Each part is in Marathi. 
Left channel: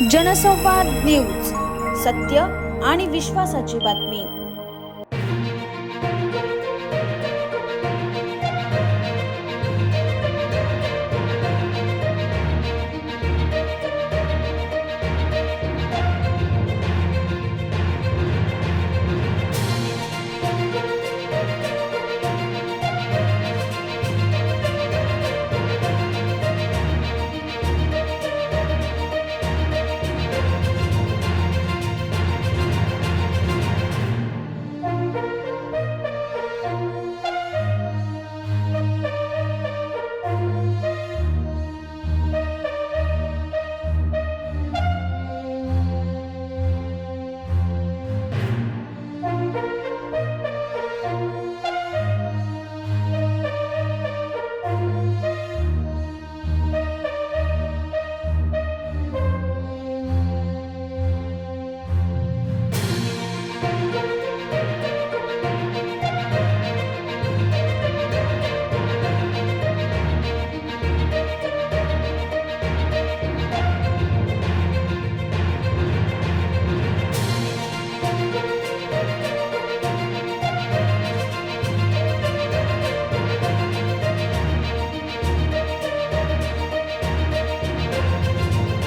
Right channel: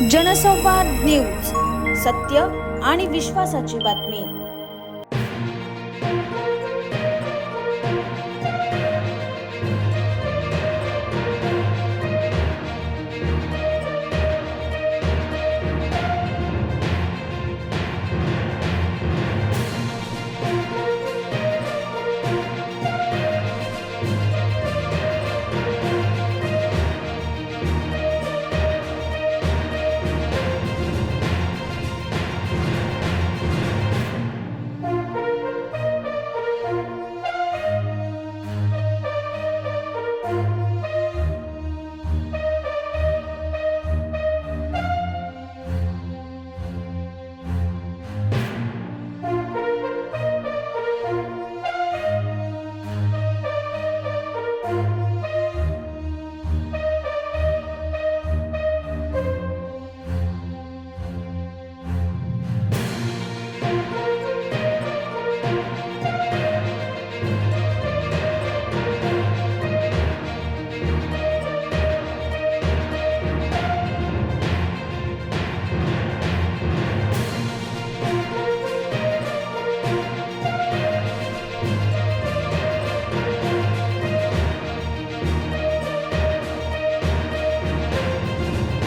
जनसंवाद न्यूज, सत्य आणि विश्वासाची बातमी।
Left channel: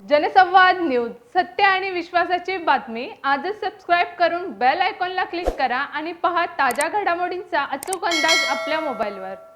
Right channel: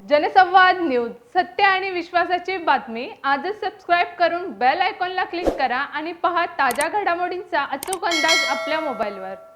जनसंवाद न्यूज, सत्य आणि विश्वासाची बातमी। आजच सबस्क्राइब करून बेल आयकॉनला क्लिक करा आणि पहा ताज्या घडामोडींचा अचूक अंदाज आपल्या मोबाईलवर।